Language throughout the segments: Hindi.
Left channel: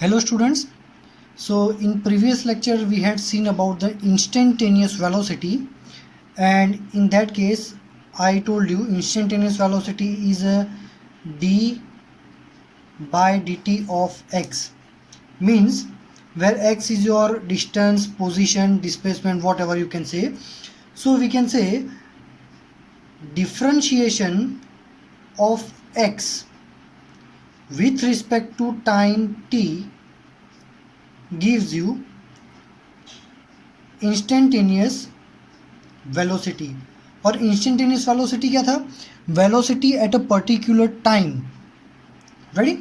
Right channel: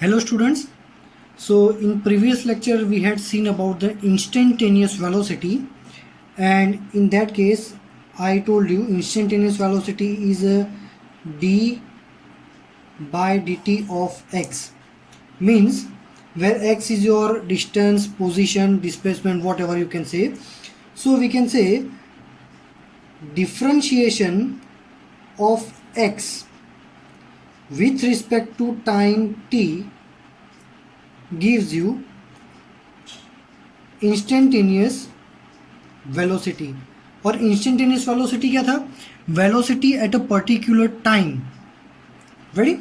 Hello students. So in previous lecture we had seen about the instantaneous velocity, and in that case I told you instantaneous velocity is a d by dt of x, means where x is your distance, position, displacement, whatever you can say. So we can say differentiation of x with respect to time t gives you instantaneous velocity. और instantaneous velocity क्या था? Velocity at a particular time. Ready?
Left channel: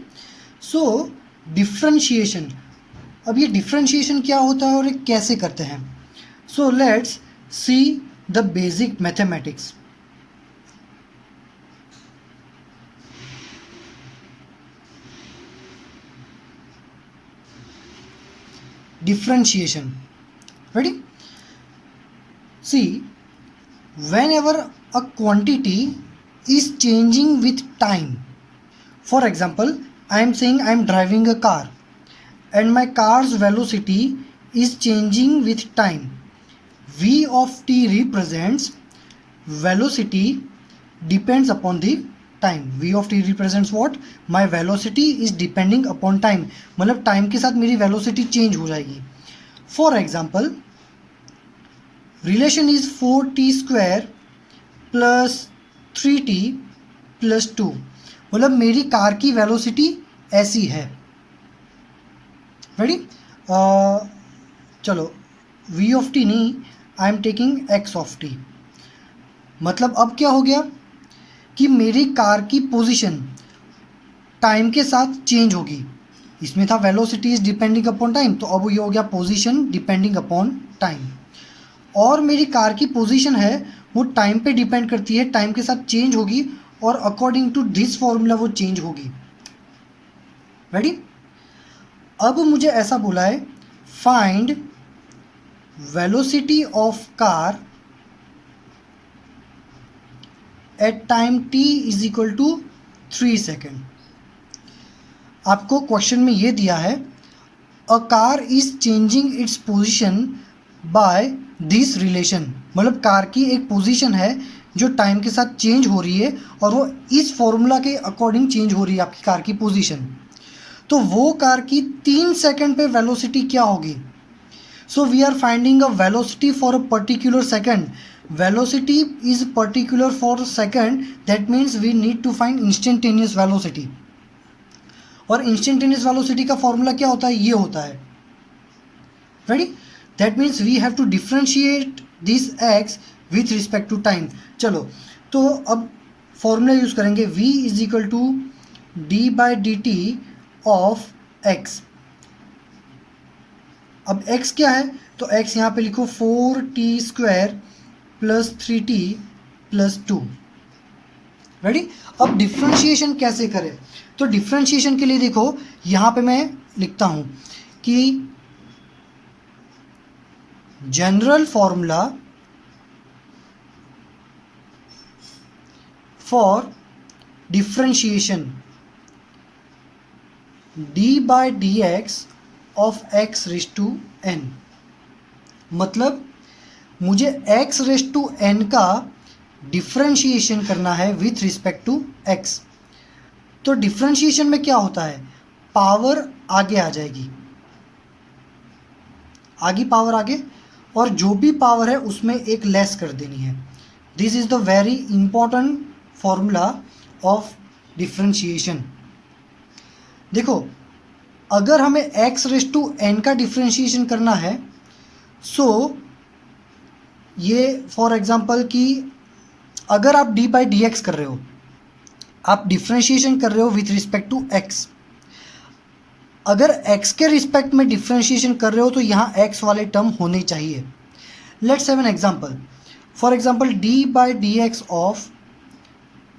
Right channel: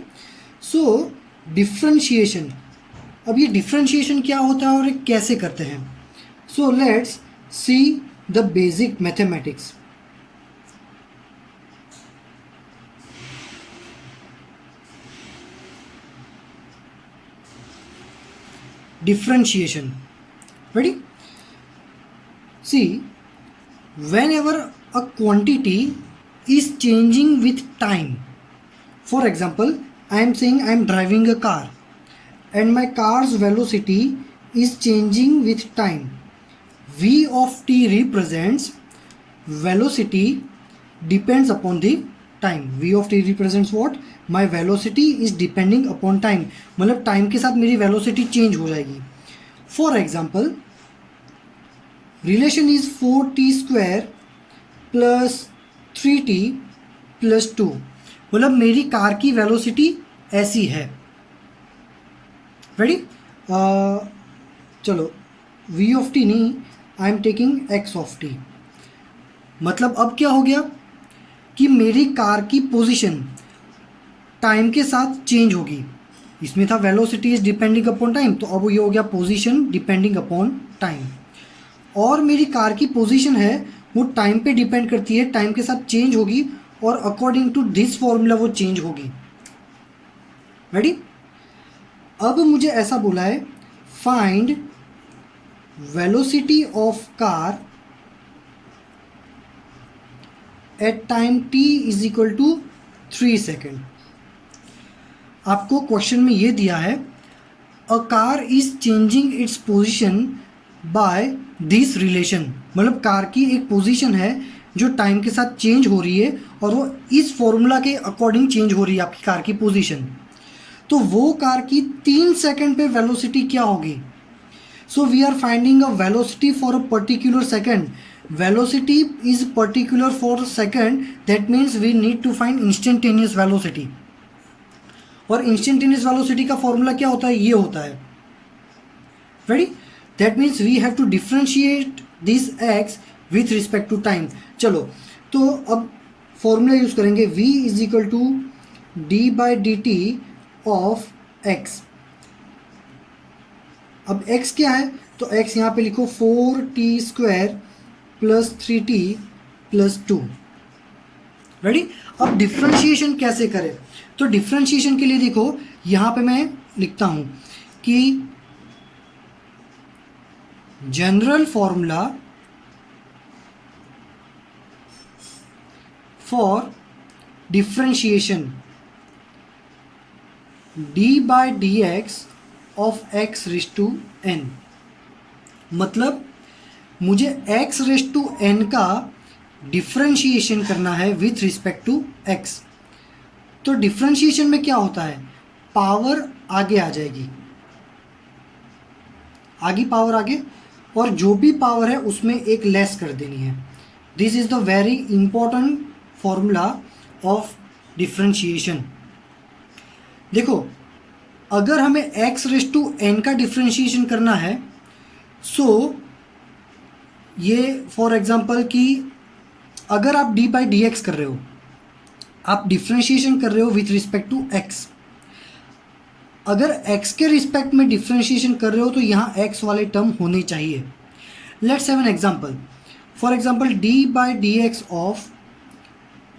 So differentiation, अब ये differentiation क्या होता है और ये कैसे करते हैं? So let's see the basic mathematics. Differentiation. Ready? See, whenever a quantity is changing with time, for example, I am saying I am driving a car and my car's velocity is changing with time. V of t represents velocity depends upon the time. v of t represents what? My velocity is depending upon time, मतलब टाइम के साथ मेरी वेलोसिटी चेंज हो जाएगी. For example, relation is 4t² plus 3t plus 2, मतलब मेरी कार की वेलोसिटी ऐसी है. रेडी? चलो, v ऑफ t नहीं, I am taking x of t. मतलब अब क्या हो गया कि मेरी कार की पोजीशन टाइम के साथ चेंज होगी. इसमें था velocity is depending upon time, तो अब ये हो गया पोजीशन डिपेंडिंग अपॉन टाइम. और मेरी कार की पोजीशन है वो टाइम पे डिपेंड करती है, टाइम के साथ चेंज होगी और अकॉर्डिंग टू दिस फॉर्मूला वो चेंज होगी. रेडी? अब मुझे ऐसा बोला है, find velocity of car at time t is equal to 3 second. आपको क्वेश्चन में ये दिया है, a car is changing its position by this relation, मतलब कार की एक पोजीशन है जो टाइम के साथ चेंज हो रही है और वो इस फॉर्मूला के अकॉर्डिंग चेंज हो रही है आपकी कार की पोजीशन. तो वो कार की 3 सेकेंड पे वेलोसिटी क्या होगी? So we are finding a velocity for a particular second. Velocity is particular for second, that means we need to find instantaneous velocity. और instantaneous velocity का फॉर्मूला क्या होता है? ये होता है. Ready? That means we have to differentiate this x with respect to time. चलो, तो अब फॉर्मूला यूज करेंगे, v is equal to D by D t of x. अब x क्या है? तो x यहाँ पे लिखो 4t² plus 3t plus 2. Ready? अब डिफ्रेंशिएशन कैसे करें? तो डिफ्रेंशिएशन के लिए देखो, यहाँ पे मैं लिखता हूँ कि general formula for differentiation d by d x of x raise to n. मतलब मुझे x रेज टू n का डिफ्रेंशिएशन करना है विथ रिस्पेक्ट टू x. तो डिफ्रेंशिएशन में क्या होता है? पावर आगे आ जाएगी, आगे पावर आगे, और जो भी पावर है उसमें एक लेस कर देनी है. This is the very important formula of differentiation. देखो, अगर हमें x रेज टू n का डिफ्रेंशिएशन करना है, सो ये फॉर एग्जांपल कि अगर आप d बाई डी एक्स कर रहे हो, आप डिफ्रेंशिएशन कर रहे हो विथ रिस्पेक्ट टू x. अगर x के रिस्पेक्ट में डिफ्रेंशिएशन कर रहे हो तो यहाँ x वाले टर्म होने चाहिए. Let's have an example. For example, d by D x of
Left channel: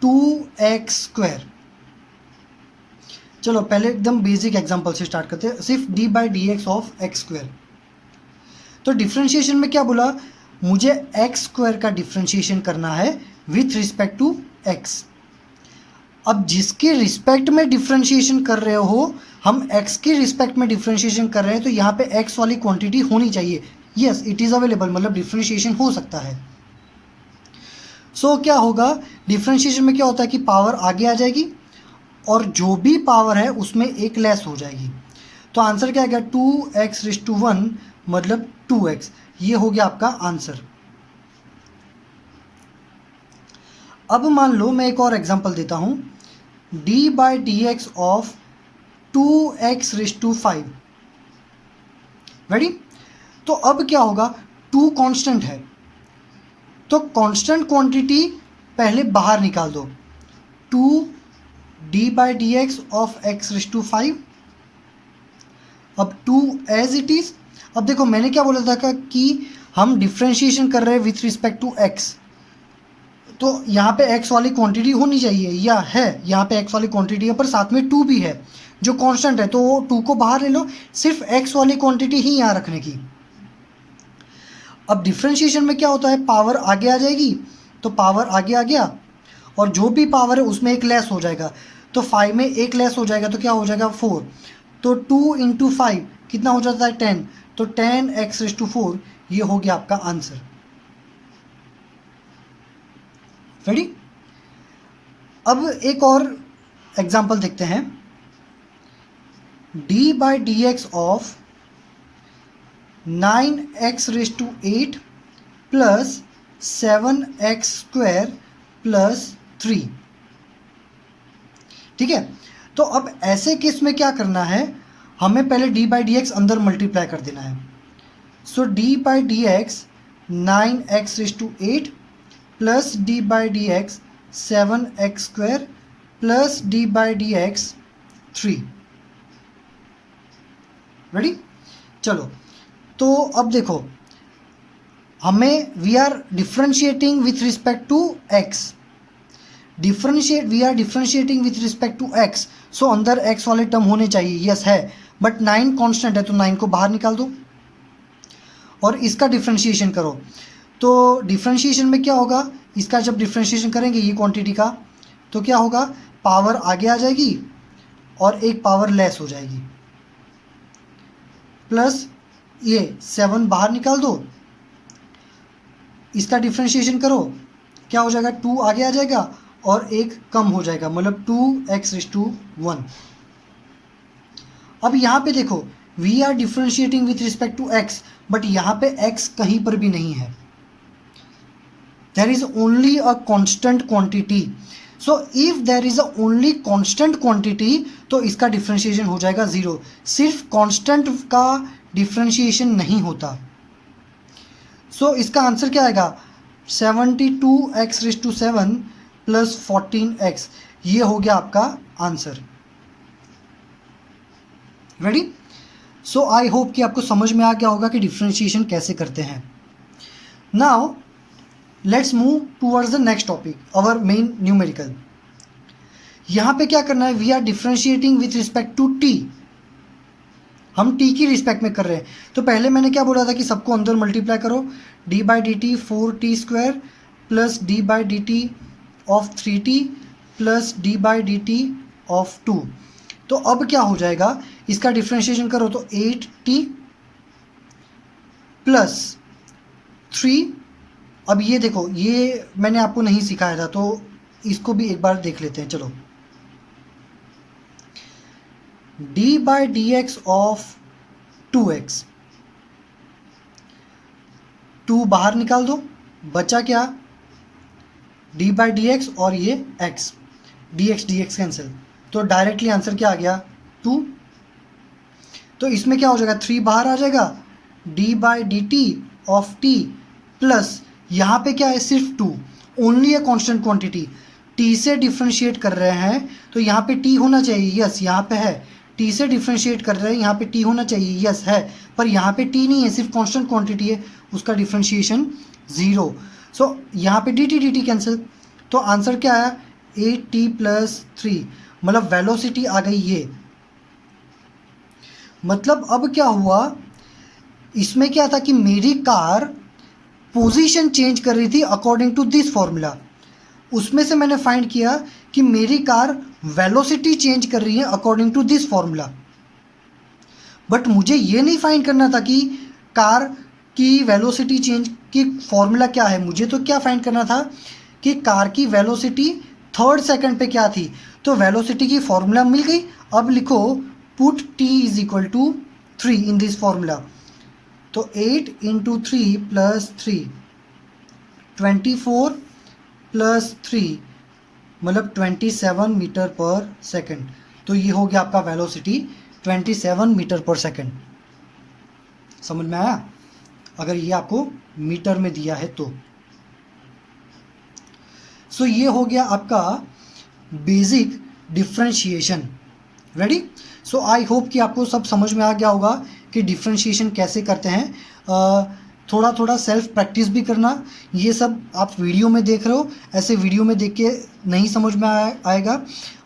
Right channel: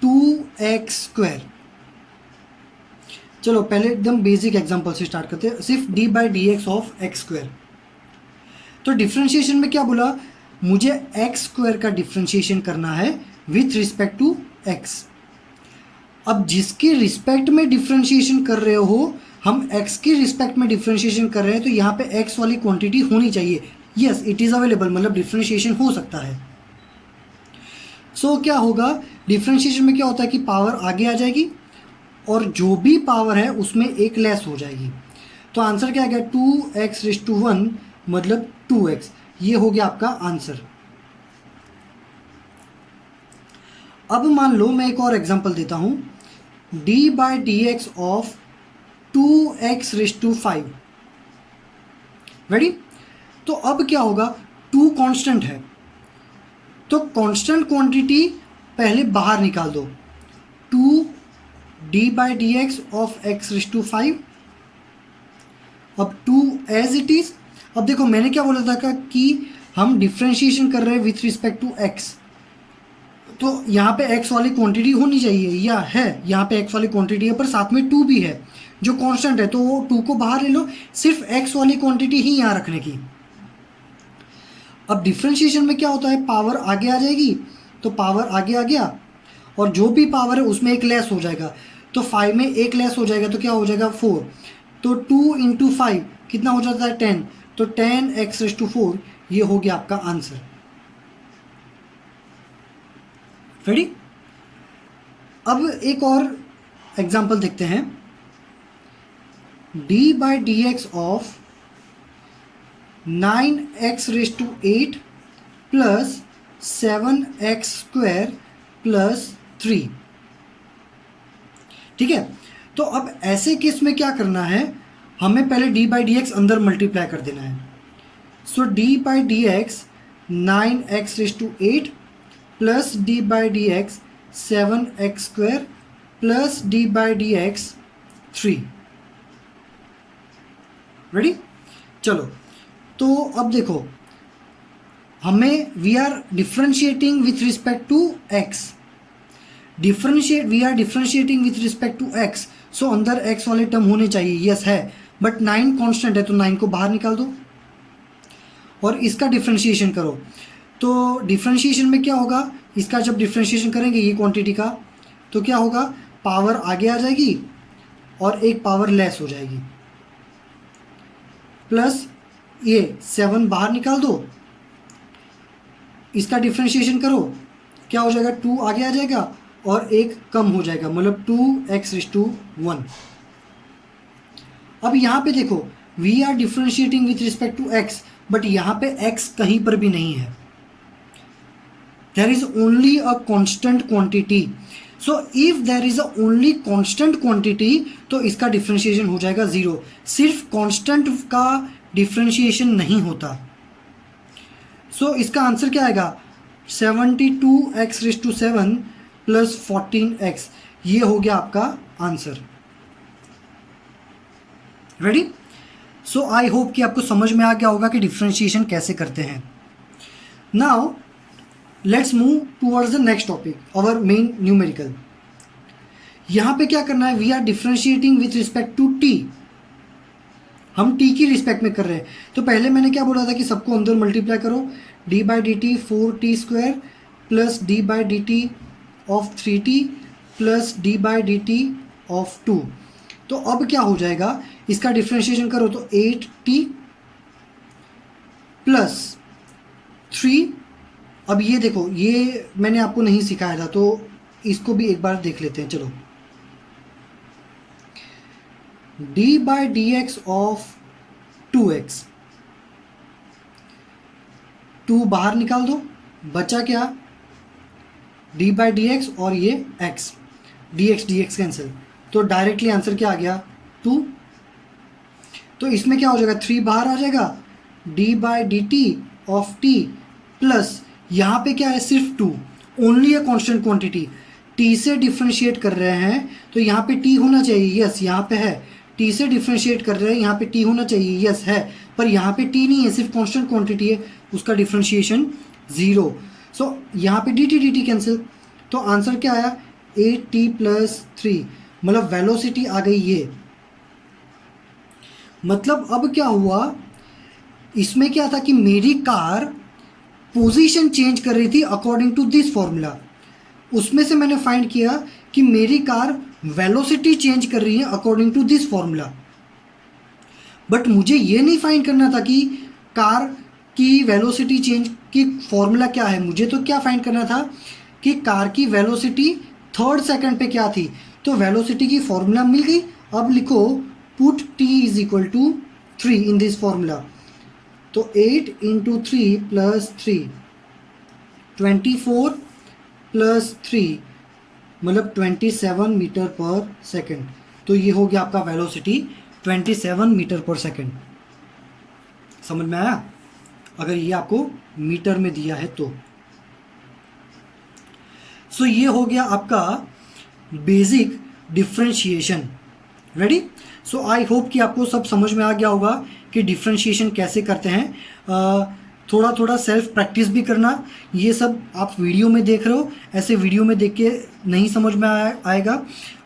2x². चलो पहले एकदम बेसिक एग्जांपल से स्टार्ट करते हैं, सिर्फ d by D x of x². तो डिफ्रेंशिएशन में क्या बोला? मुझे x² का डिफ्रेंशिएशन करना है विथ रिस्पेक्ट टू x. अब जिसके रिस्पेक्ट में डिफ्रेंशिएशन कर रहे हो हम x के रिस्पेक्ट में डिफ्रेंशिएशन कर रहे हैं तो यहाँ पे x वाली क्वांटिटी होनी चाहिए। यस, इट इज़ अवेलेबल, मतलब डिफ्रेंशिएशन हो सकता है। सो क्या होगा, डिफ्रेंशिएशन में क्या होता है कि पावर आगे आ जाएगी और जो भी पावर है उसमें एक लेस हो जाएगी। तो आंसर क्या आएगा, 2x⁻1 मतलब 2x। ये हो गया आपका आंसर। अब मान लो मैं एक और एग्जांपल देता हूँ, d/dx ऑफ 2x⁵5। रेडी? तो अब क्या होगा, 2 कांस्टेंट है तो कांस्टेंट क्वांटिटी पहले बाहर निकाल दो, 2d/dx ऑफ x⁵5। अब 2 एज इट इज़। अब देखो मैंने क्या बोला था कि हम डिफ्रेंशिएशन कर रहे हैं विथ रिस्पेक्ट टू x, तो यहाँ पे x वाली क्वांटिटी होनी चाहिए, या है यहाँ पे x वाली क्वांटिटी है पर साथ में 2 भी है जो कांस्टेंट है, तो वो 2 को बाहर ले लो, सिर्फ x वाली क्वांटिटी ही यहाँ रखने की। अब डिफ्रेंशिएशन में क्या होता है, पावर आगे आ जाएगी, तो पावर आगे आ गया और जो भी पावर है उसमें एक लेस हो जाएगा, तो 5 में एक लेस हो जाएगा तो क्या हो जाएगा 4, तो 2 × 5 कितना हो जाता है 10, तो 10x⁴ ये हो गया आपका आंसर। रेडी? अब एक और एग्जांपल देखते हैं, d/dx of 9x⁸8 plus 7x² plus 3। ठीक है, तो अब ऐसे केस में क्या करना है, हमें पहले d/dx अंदर मल्टीप्लाई कर देना है। So d/dx 9x⁸8 plus d/dx 7x² plus d/dx 3। Ready? चलो, तो अब देखो हमें we are differentiating with respect to x, we are differentiating with respect to x, so अंदर x वाले टर्म होने चाहिए, यस है, बट 9 कांस्टेंट है तो 9 को बाहर निकाल दो और इसका डिफ्रेंशिएशन करो। तो डिफ्रेंशिएशन में क्या होगा, इसका जब डिफ्रेंशिएशन करेंगे ये क्वांटिटी का, तो क्या होगा, पावर आगे आ जाएगी और एक पावर लेस हो जाएगी, प्लस ये 7 बाहर निकाल दो, इसका डिफ्रेंशिएशन करो, क्या हो जाएगा 2 आगे आ जाएगा और एक कम हो जाएगा, मतलब 2x⁻1। अब यहाँ पे देखो we are differentiating with respect to x, but यहाँ पे x कहीं पर भी नहीं है, there is only a constant quantity. So if there is a only constant quantity तो इसका डिफ्रेंशिएशन हो जाएगा 0। सिर्फ कांस्टेंट का डिफ्रेंशिएशन नहीं होता। सो इसका आंसर क्या आएगा, 72x⁷7 प्लस 14x, ये हो गया आपका answer. Ready? So I hope कि आपको समझ में आ गया होगा कि डिफ्रेंशिएशन कैसे करते हैं। Now let's move towards the next topic, our main numerical. यहाँ पे क्या करना है, we are differentiating with respect to t, हम t की रिस्पेक्ट में कर रहे हैं। तो पहले मैंने क्या बोला था कि सबको अंदर मल्टीप्लाई करो, d/dt 4t² plus d/dt of 3t plus d/dt of 2। तो अब क्या हो जाएगा, इसका डिफ्रेंशिएशन करो तो 8t प्लस 3। अब ये देखो, ये मैंने आपको नहीं सिखाया था तो इसको भी एक बार देख लेते हैं। चलो, d/dx ऑफ 2x, 2 बाहर निकाल दो, बचा क्या, d/dx और ये x, dx कैंसिल, तो डायरेक्टली आंसर क्या आ गया 2। तो इसमें क्या हो जाएगा, 3 बाहर आ जाएगा, d/dt ऑफ t प्लस यहाँ पे क्या है, सिर्फ 2, only a constant quantity, t से डिफ्रेंशिएट कर रहे हैं तो यहाँ पे t होना चाहिए, यस यहाँ पे है, t से डिफ्रेंशिएट कर रहे हैं यहाँ पे t होना चाहिए, यस है, पर यहाँ पे t नहीं है, सिर्फ कांस्टेंट क्वांटिटी है, उसका डिफ्रेंशिएशन 0। सो यहाँ पे dt कैंसिल, तो आंसर क्या आया 8t प्लस 3, मतलब वेलोसिटी आ गई ये। मतलब अब क्या हुआ, इसमें क्या था कि मेरी कार पोजीशन चेंज कर रही थी अकॉर्डिंग टू दिस फॉर्मूला, उसमें से मैंने फाइंड किया कि मेरी कार वेलोसिटी चेंज कर रही है according to this formula. But मुझे ये नहीं फाइंड करना था कि कार की वेलोसिटी चेंज की फॉर्मूला क्या है। मुझे तो क्या फाइंड करना था कि कार की वेलोसिटी थर्ड सेकंड पे क्या थी। तो वेलोसिटी की फॉर्मूला मिल गई। अब लिखो put t is equal to 3 in this formula. तो 8 इंटू 3 प्लस 3 24 प्लस 3 मतलब 27 मीटर पर सेकंड। तो ये हो गया आपका वेलोसिटी 27 मीटर पर सेकंड। समझ में आया अगर ये आपको मीटर में दिया है तो। सो ये हो गया आपका basic differentiation. Ready. So I hope कि आपको सब समझ में आ गया होगा कि डिफ्रेंशिएशन कैसे करते हैं। थोड़ा थोड़ा सेल्फ प्रैक्टिस भी करना। ये सब आप वीडियो में देख रहे हो, ऐसे वीडियो में देख के नहीं समझ में आएगा।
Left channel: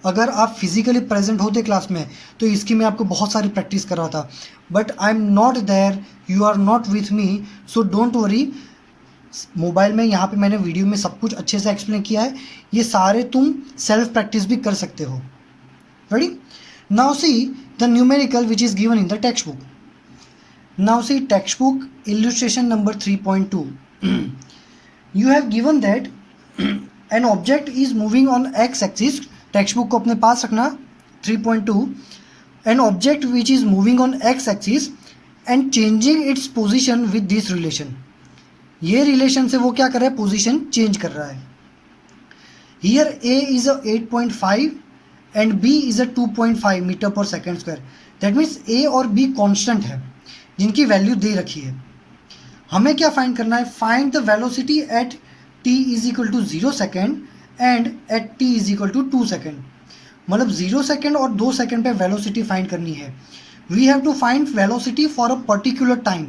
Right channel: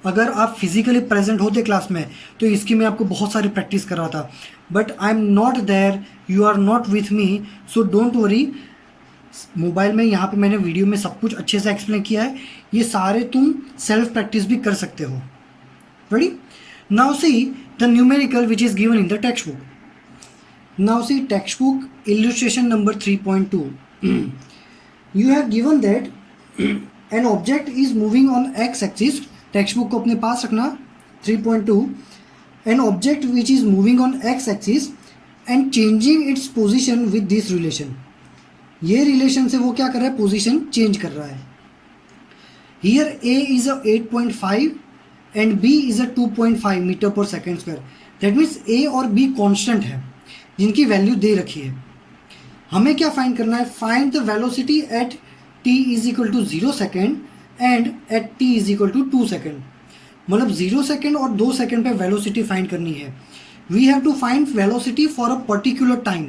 अगर आप फिजिकली प्रेजेंट होते क्लास में तो इसकी मैं आपको बहुत सारी प्रैक्टिस कर रहा था, but I am not there, you are not with me, so don't worry. Mobile में यहाँ पे मैंने वीडियो में सब कुछ अच्छे से एक्सप्लेन किया है। ये सारे तुम सेल्फ प्रैक्टिस भी कर सकते हो। Ready. Now see the numerical which is given in the text book. Now see textbook illustration number 3.2. You have given that an object is moving on x-axis. Textbook को अपने पास रखना। 3.2 an object which is moving on x-axis and changing its position with this relation. ये रिलेशन से वो क्या कर रहा है, पोजीशन चेंज कर रहा है। Here a is a 8.5 and b is a 2.5 metre पर second square. That means a और b कांस्टेंट है जिनकी वैल्यू दे रखी है। हमें क्या फाइंड करना है, find the velocity at t is equal to 0 second and at t is equal to 2 second. मतलब 0 सेकेंड और 2 सेकेंड पे वेलोसिटी फाइंड करनी है। We have to find velocity for a particular time.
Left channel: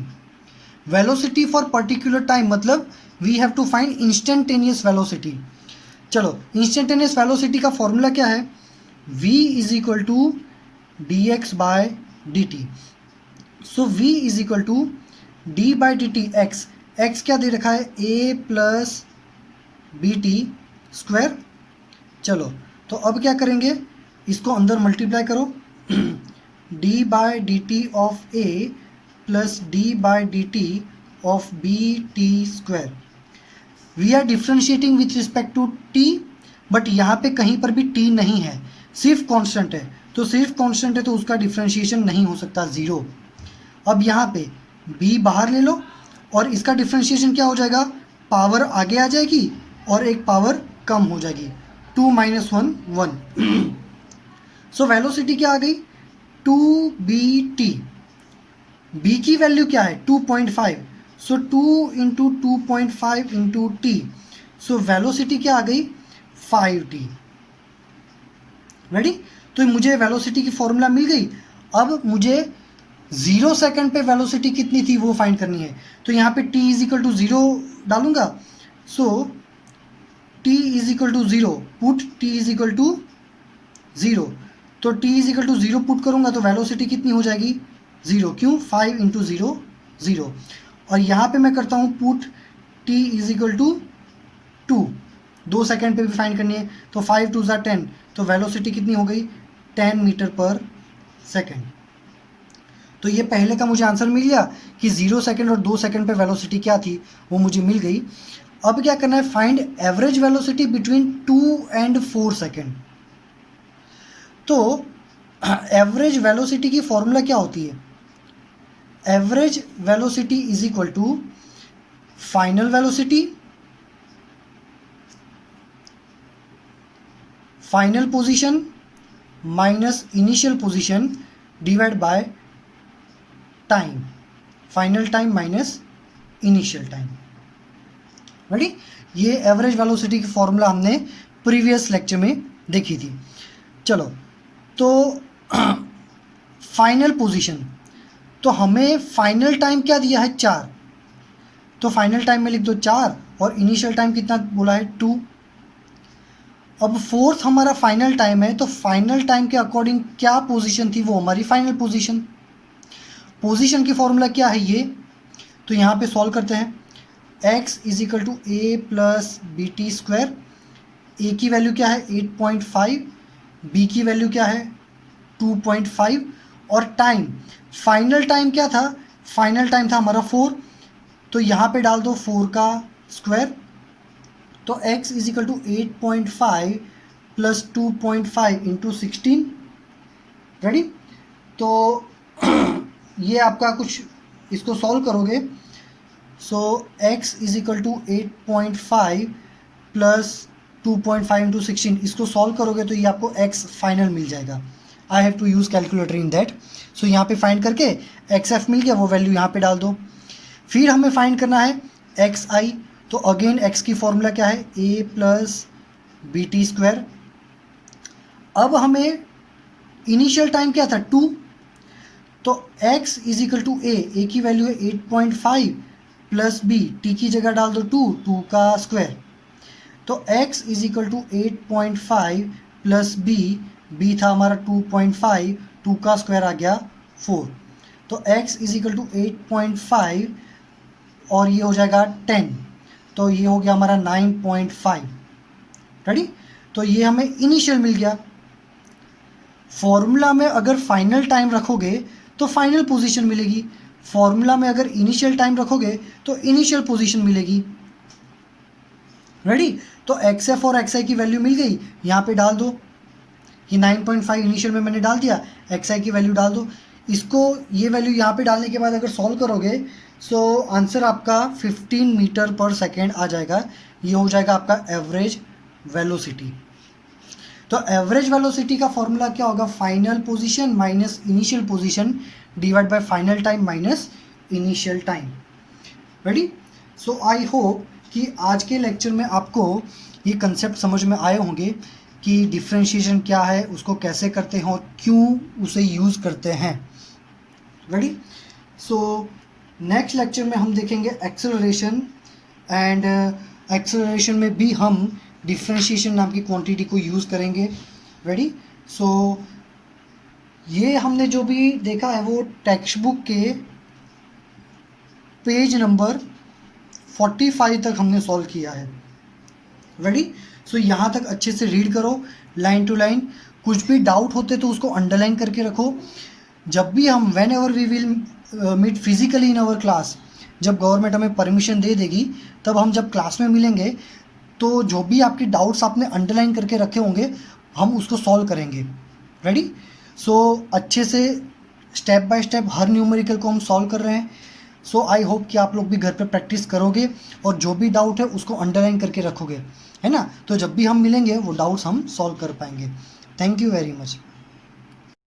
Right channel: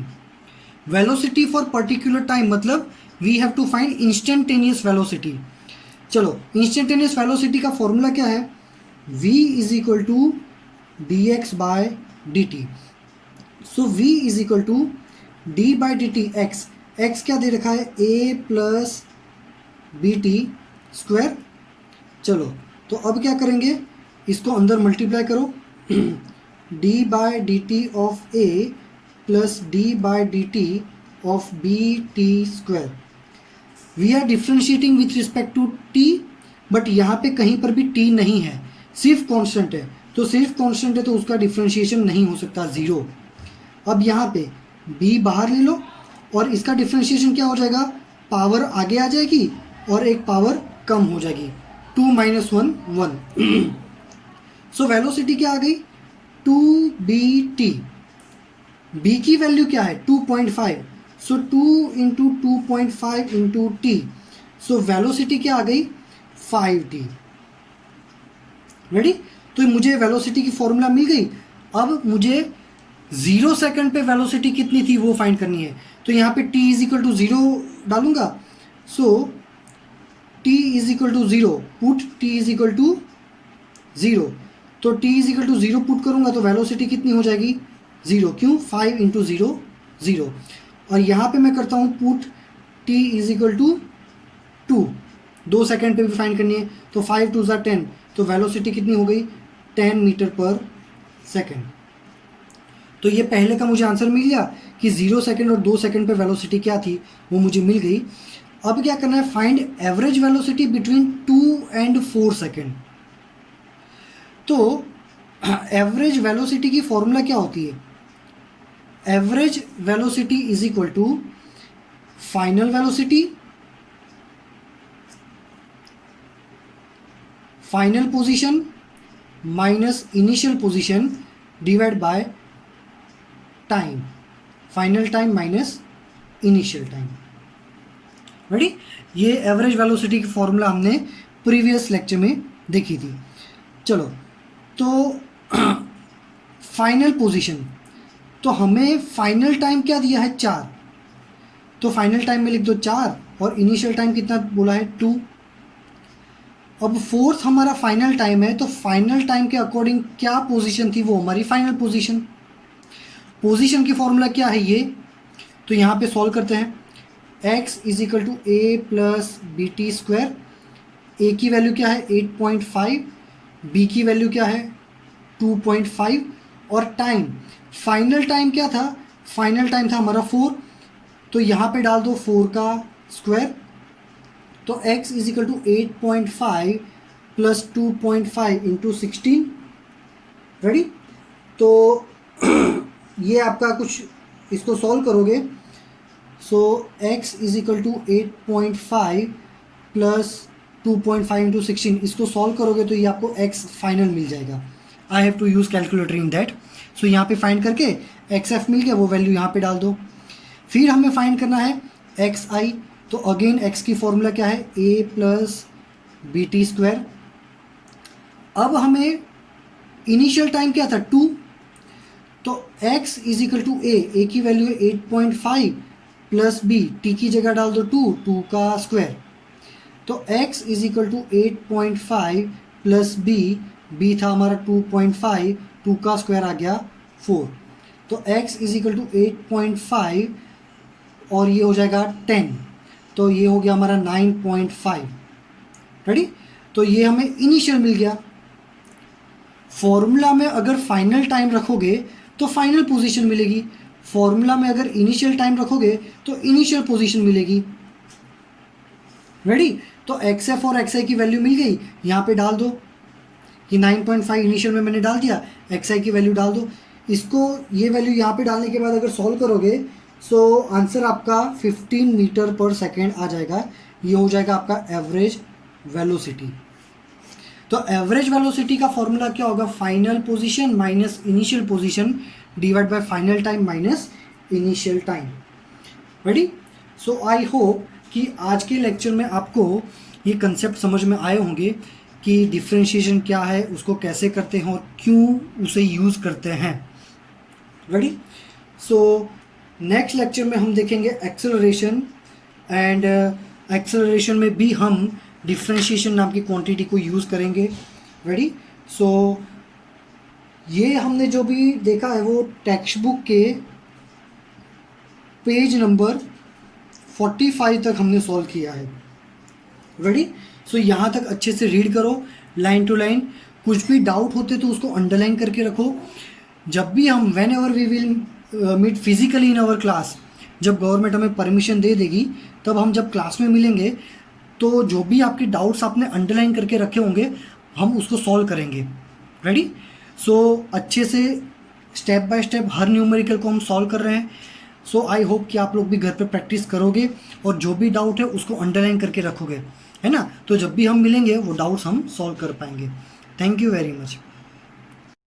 Velocity for particular time मतलब we have to find instantaneous velocity. चलो इंस्टेंटेनियस वेलोसिटी का फॉर्मूला क्या है, v is equal to dx by dt। So v is equal to D by D T X. X क्या दे रखा है, a plus B T square. चलो तो अब क्या करेंगे, इसको अंदर मल्टीप्लाई करो। d by D t of a plus d by D t of b T square. We are differentiating with respect to t, but यहाँ पे कहीं पर भी t नहीं है, सिर्फ कांस्टेंट है। तो सिर्फ कांस्टेंट है तो उसका डिफ्रेंशिएशन नहीं हो सकता, ज़ीरो। अब यहाँ पे b बाहर ले लो और इसका डिफ्रेंशिएशन क्या हो जाएगा, पावर आगे आ जाएगी और एक पावर कम हो जाएगी, 2 - 1 1। सो वेलोसिटी क्या आ गई, 2bt। b की वैल्यू क्या है, 2.5। सो 2 into 2.5 into T. So velocity क्या आ गई, 5t। रेडी। तो मुझे वेलोसिटी की फॉर्मूला मिल गई। अब मुझे 0 सेकंड पे वेलोसिटी कितनी थी वो फाइंड करनी है। तो यहाँ पे t इज इक्वल टू 0 डालूंगा। So t is equal to 0, put t is equal to 0। तो t is equal to 0 put करूंगा तो वेलोसिटी कितनी हो जाएगी, 0। क्यों, 5 इंटू 0 0। और यहाँ पे मैं करता हूँ put t is equal to 2, 2 second पे भी फाइंड करनी है। तो 5 2 ज़ा 10, तो वेलोसिटी कितनी हो गई, 10 मीटर पर सेकेंड। तो ये पहले का मुझे आंसर मिल गया कि 0 सेकेंड और 2 सेकेंड पे वेलोसिटी क्या थी वो मुझे मिल गई। अब क्या करना है, find average velocity between 2 and 4 second. तो एवरेज वेलोसिटी की फॉर्मूला क्या होती है, average velocity is equal to final velocity, final position minus initial position divide by time, final time minus initial time. Ready. ये एवरेज वेलोसिटी की फॉर्मूला हमने प्रीवियस लेक्चर में देखी थी। चलो तो फाइनल पोजीशन, तो हमें फाइनल टाइम क्या दिया है, 4। तो फाइनल टाइम में लिख दो 4 और इनिशियल टाइम कितना बोला है, 2। अब फोर्थ हमारा फाइनल टाइम है, तो फाइनल टाइम के अकॉर्डिंग क्या पोजीशन थी वो हमारी फाइनल पोजीशन। पोजीशन की फॉर्मूला क्या है ये, तो यहाँ पे सॉल्व करते हैं। x is equal to A plus B T square. A की वैल्यू क्या है 8.5, बी की वैल्यू क्या है 2.5 और टाइम, फाइनल टाइम क्या था, फाइनल टाइम था हमारा 4, तो यहाँ पे डाल दो 4 का स्क्वायर, तो x is equal to 8.5 plus 2.5 into 16। Ready? तो ये आपका कुछ, इसको सॉल्व करोगे, so x is equal to 8.5 plus 2.5 into 16, इसको सॉल्व करोगे तो ये आपको x फाइनल मिल जाएगा। I have to use calculator in that. So यहाँ पे फाइंड करके xf मिल गया, वो वैल्यू यहाँ पे डाल दो। फिर हमें फाइंड करना है xi, तो अगेन x की फॉर्मूला क्या है, a plus B T square. अब हमें इनिशियल टाइम क्या था 2, तो x is equal to a की वैल्यू है 8.5 प्लस b, t की जगह डाल दो 2 का स्क्वायर, तो x is equal to 8.5 plus b था हमारा 2.5, 2 का स्क्वायर आ गया 4, तो x इज इक्वल टू 8.5 और ये हो जाएगा 10, तो ये हो गया हमारा 9.5। रेडी? तो ये हमें इनिशियल मिल गया। फॉर्मूला में अगर फाइनल टाइम रखोगे तो फाइनल पोजीशन मिलेगी, फॉर्मूला में अगर इनिशियल टाइम रखोगे तो इनिशियल पोजीशन मिलेगी। रेडी? तो XF और XI की वैल्यू मिल गई, यहाँ पे डाल दो, ये 9.5 इनिशियल में मैंने डाल दिया, XI की वैल्यू डाल दो। इसको ये वैल्यू यहाँ पे डालने के बाद अगर सॉल्व करोगे सो आंसर आपका 15 मीटर पर सेकेंड आ जाएगा। ये हो जाएगा आपका एवरेज वेलोसिटी। तो एवरेज वेलोसिटी का फॉर्मूला क्या होगा, final position minus initial position divide bye final time minus initial time. Ready? So I hope कि आज के लेक्चर में आपको ये कंसेप्ट समझ में आए होंगे कि डिफरेंशिएशन क्या है, उसको कैसे करते हैं और क्यों उसे यूज़ करते हैं। रेडी? सो नेक्स्ट लेक्चर में हम देखेंगे एक्सेलरेशन, एंड एक्सेलरेशन में भी हम डिफरेंशिएशन नाम की क्वांटिटी को यूज़ करेंगे। रेडी? सो ये हमने जो भी देखा है वो टेक्स्ट बुक के पेज नंबर 45 तक हमने सॉल्व किया है। रेडी? सो यहाँ तक अच्छे से रीड करो लाइन टू लाइन। कुछ भी डाउट होते तो उसको अंडरलाइन करके रखो। जब भी हम whenever we will meet physically in our class, जब गवर्नमेंट हमें परमिशन दे देगी तब हम जब क्लास में मिलेंगे तो जो भी आपके डाउट्स आपने अंडरलाइन करके रखे होंगे हम उसको सॉल्व करेंगे। रेडी? सो अच्छे से step by step her numerical को हम सॉल्व कर रहे हैं। सो आई होप कि आप लोग भी घर पे प्रैक्टिस करोगे और जो भी डाउट है उसको अंडरलाइन करके रखोगे, है ना? तो जब भी हम मिलेंगे वो डाउट्स हम सॉल्व कर पाएंगे। Thank you very much.